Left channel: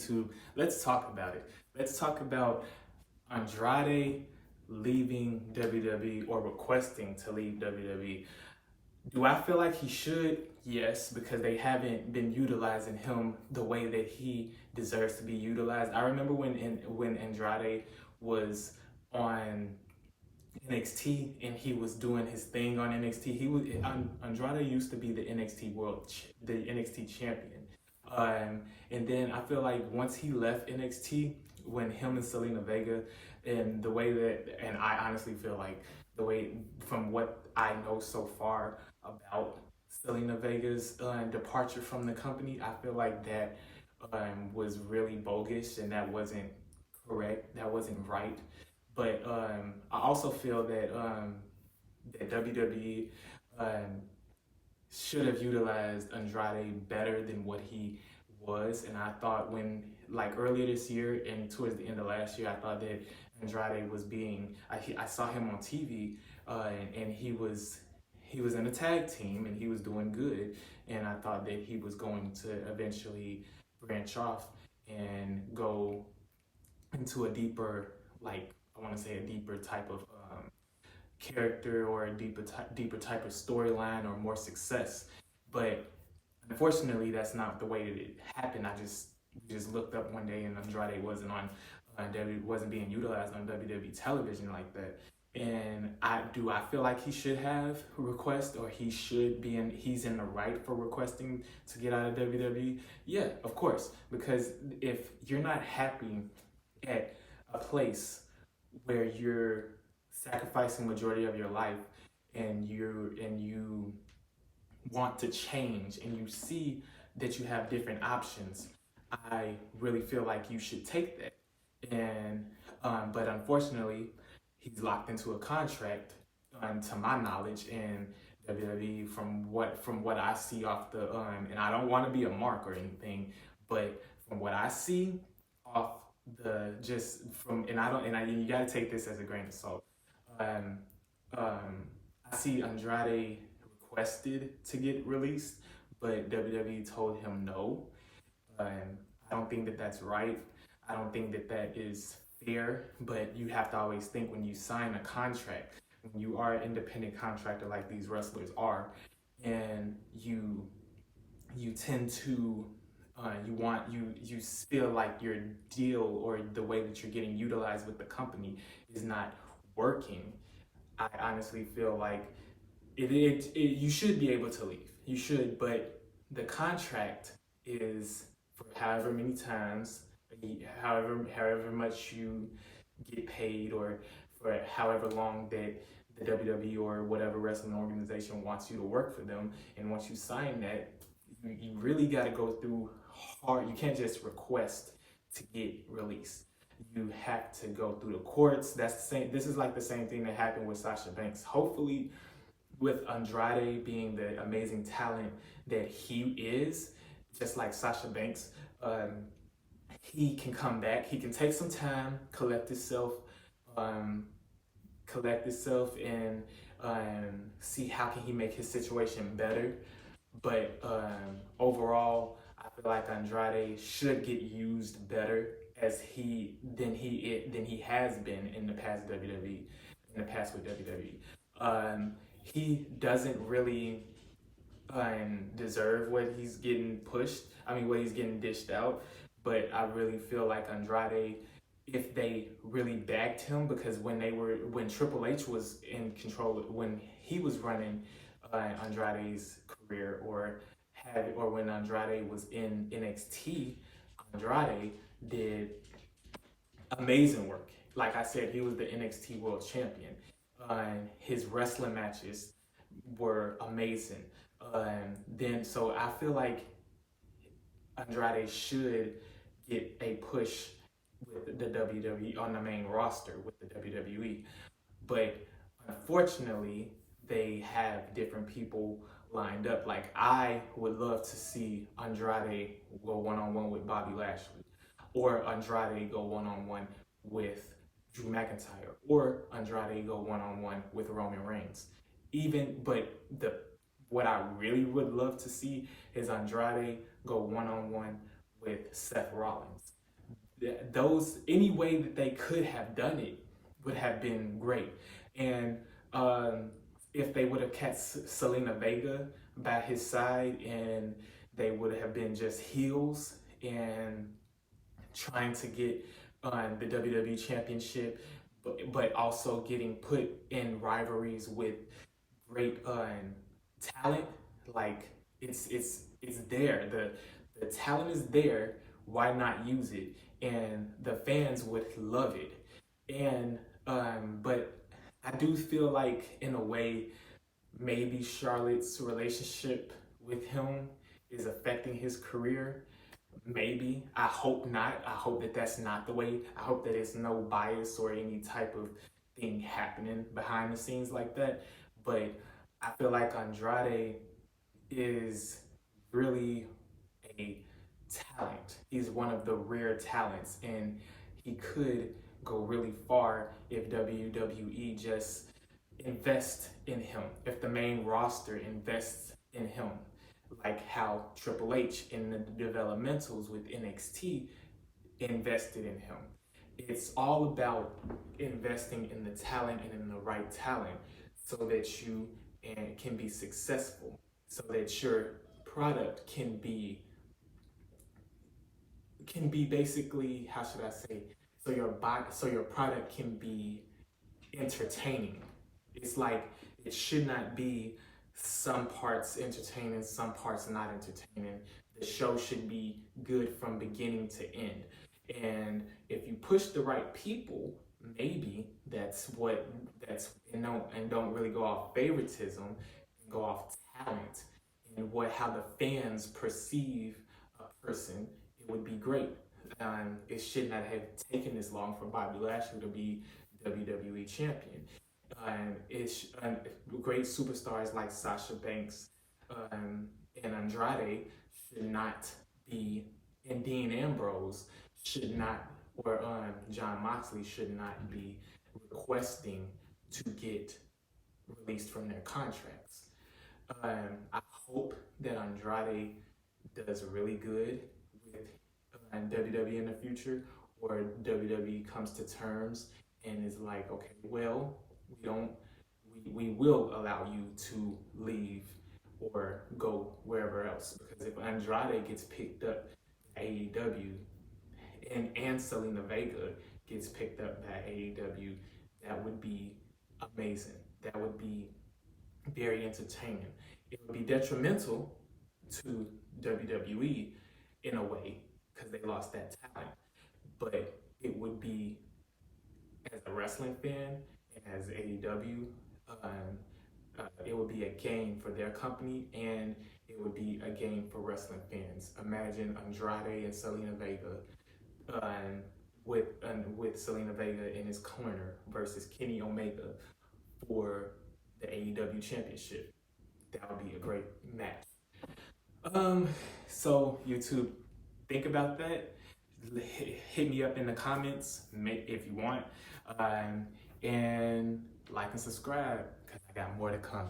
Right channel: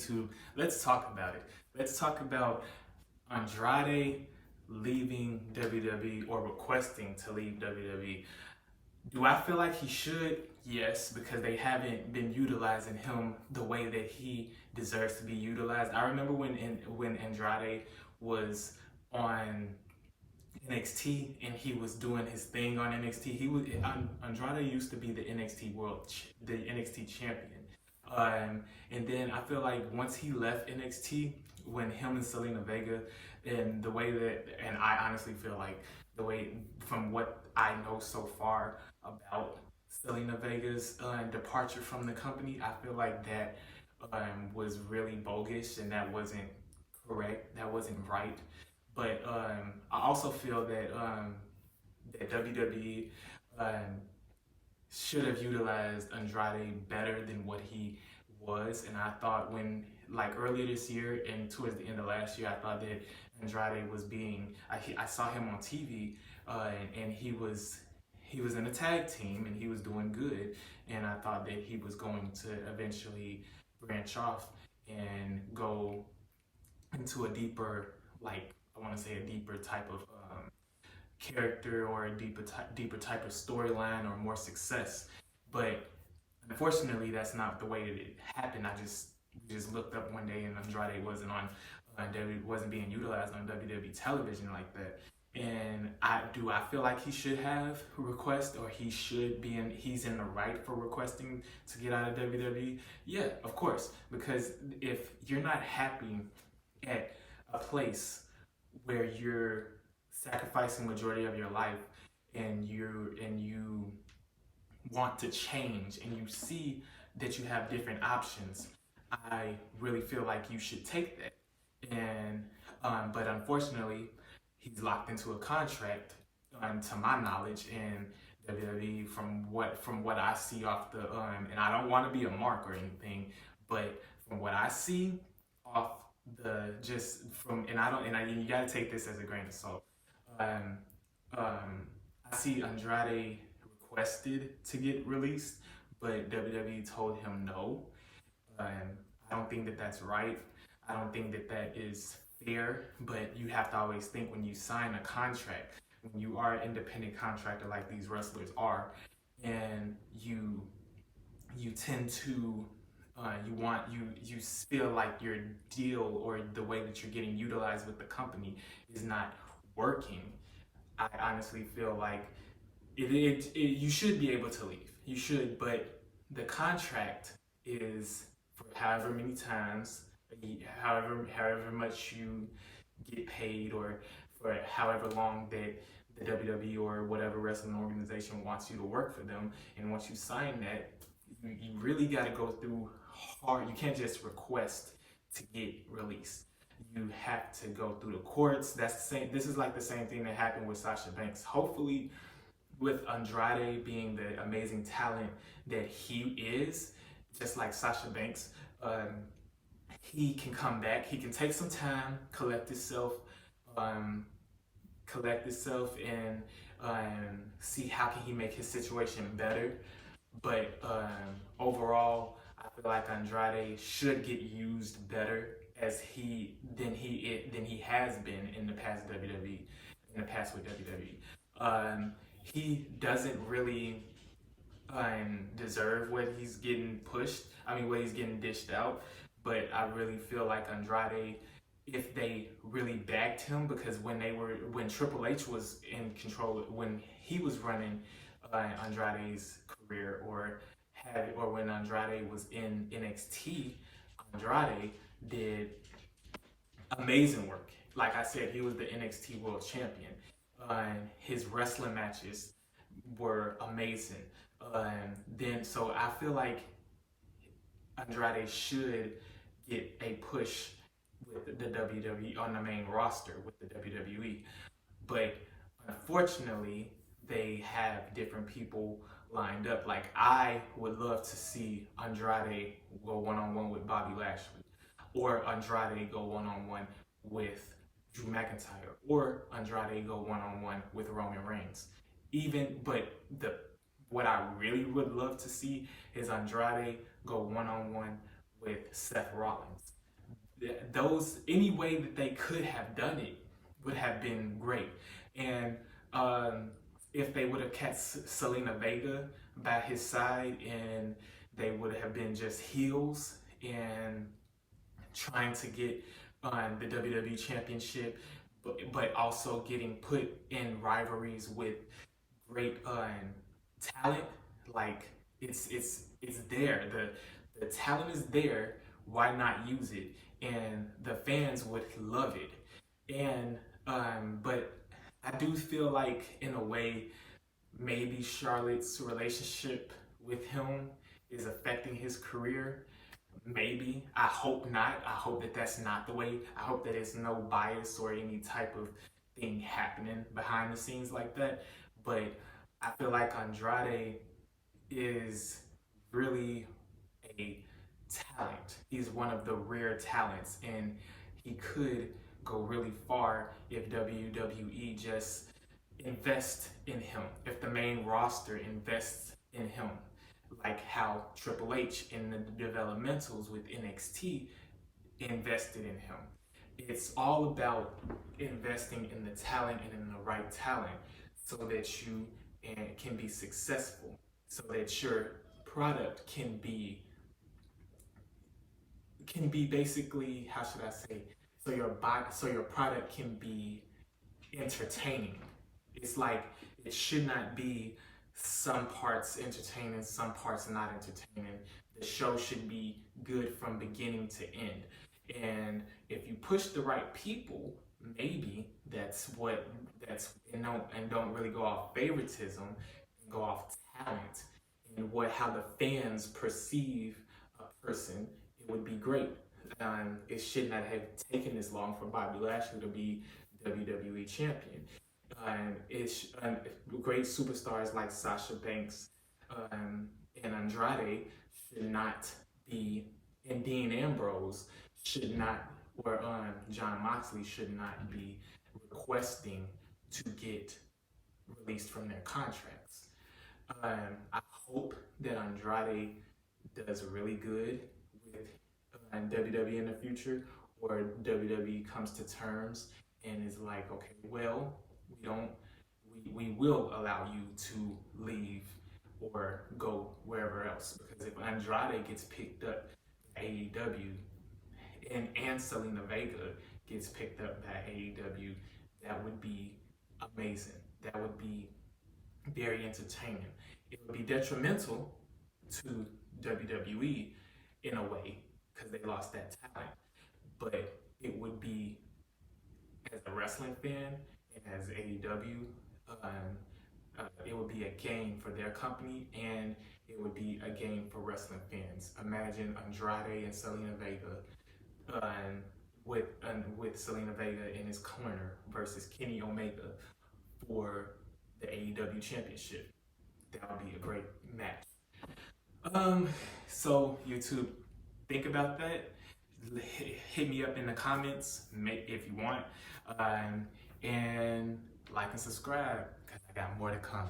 YouTube, let's talk about it. Let's talk about Andrade leaving WWE or requesting to leave WWE. Do I feel like he should? Yes, because they haven't been utilizing him the way that he deserves to be utilized. I remember when Andrade was on NXT and he was doing his thing on NXT. Andrade used to be the the NXT champion. And then I feel like once he left NXT, when him and Selena Vega, and the way that, and I honestly feel like the way, from what I know so far about Selena Vega's departure from the company, I feel like that was really bogus and that wasn't correct. That wasn't right. But I also feel that that WWE should have utilized Andrade better than what he was. And I thought like earlier this year and towards the end of last year, I thought that Andrade was I saw him on TV and he was in a tag team and he was doing good. And I thought that he was going to eventually branch off and go into a deeper, like, I want to say a deeper type of character or a deeper type of storyline or more success. But unfortunately, that's not the way that it happened. I just looked up one day and Andrade wasn't being utilized on WWE television like that. And I feel like he should have request, or he's in the right for requesting to get out of WWE? Yeah, of course. Because if you're not happy at a place where you're sacrificing majority of your life and you want to change and you see that you have different options, I really feel like you should take that. And but unfortunately, he's locked into a contract, to my knowledge, in WWE from what I see off the and I don't want to be a mark or anything, but from what I see off the just from and you got to take this as a grain of salt. I see Andrade requested to get released, but WWE told him no. I don't think that that's right. I don't think that that is fair, but you have to always think when you sign a contract, when you are an independent contractor like these wrestlers are, and you tend to you feel like your deal or the way that you're getting utilized with the company is not working. I honestly feel like you should be able to leave. You should, but the contract is for however many times, however much you get paid, or for however long that the WWE or whatever wrestling organization wants you to work for them. And once you sign that, you really got to go through hard. You can't just request to get released. You have to go through the courts. That's the same. This is like the same thing that happened with Sasha Banks. Hopefully, with Andrade being the amazing talent that he is, just like Sasha Banks, he can come back. He can take some time, collect himself, and see how can he make his situation better. But overall, I feel like Andrade should get used better than he has been in the past WWE, in the past with WWE. He doesn't really deserve what he's getting what he's getting dished out. But I really feel like Andrade, if they really backed him, because when Triple H was in control, when he was running Andrade's career, or when Andrade was in NXT, Andrade did amazing work. Like I said, he was the NXT World Champion. His wrestling matches were amazing. So I feel like Andrade should get a push with the WWE on the main roster with the WWE. But unfortunately, they have different people lined up. Like, I would love to see Andrade go one-on-one with Bobby Lashley, or Andrade go one-on-one with Drew McIntyre, or Andrade go one-on-one with Roman Reigns. What I really would love to see is Andrade go one-on-one with Seth Rollins. Those, any way that they could have done it would have been great. And um, if they would have kept Selena Vega by his side, and they would have been just heels and trying to get the WWE Championship, but also getting put in rivalries with great talent. Like it's there. The talent is there. Why not use it? And the fans would love it. And but I do feel like in a way maybe Charlotte's relationship with him is affecting his career. Maybe. I hope not. I hope that that's not the way. I hope that there's no bias or any type of thing happening behind the scenes like that. But I feel like Andrade is really a talent. He's one of the rare talents, and he could go really far if WWE just invest in him. If the main roster invests in him, like how Triple H in the developmentals with NXT invested in him. It's all about investing in the talent and in the right talent so that you can be successful, so that your product can be basically, how should I say, so your product can be entertaining. It's like it should not be some parts entertaining, some parts not entertaining. The show should be good from beginning to end. And if you push the right people, maybe don't really go off favoritism, go off talent and how the fans perceive a person, it would be great. It should not have taken this long for Bobby Lashley to be WWE champion. Great superstars like Sasha Banks and Andrade should not be, and Dean Ambrose should not, or John Moxley should not be requesting to get released from their contracts. I hope that Andrade does really good with WWE in the future, or WWE comes to terms and is like, okay, well, we will allow you to leave or go wherever else. Because if Andrade gets picked up by AEW and Selena Vega gets picked up by AEW, that would be amazing. That would be very entertaining. It would be detrimental to WWE in a way because they lost that talent, but it would be, as a wrestling fan and as AEW, it would be a gain for their company, and it would be a gain for wrestling fans. Imagine Andrade and Selena Vega, with Selena Vega in his corner versus Kenny Omega for the AEW Championship. That would be a great match. So YouTube, think about that. Hit me up in the comments if you want, and like and subscribe because I got more to come.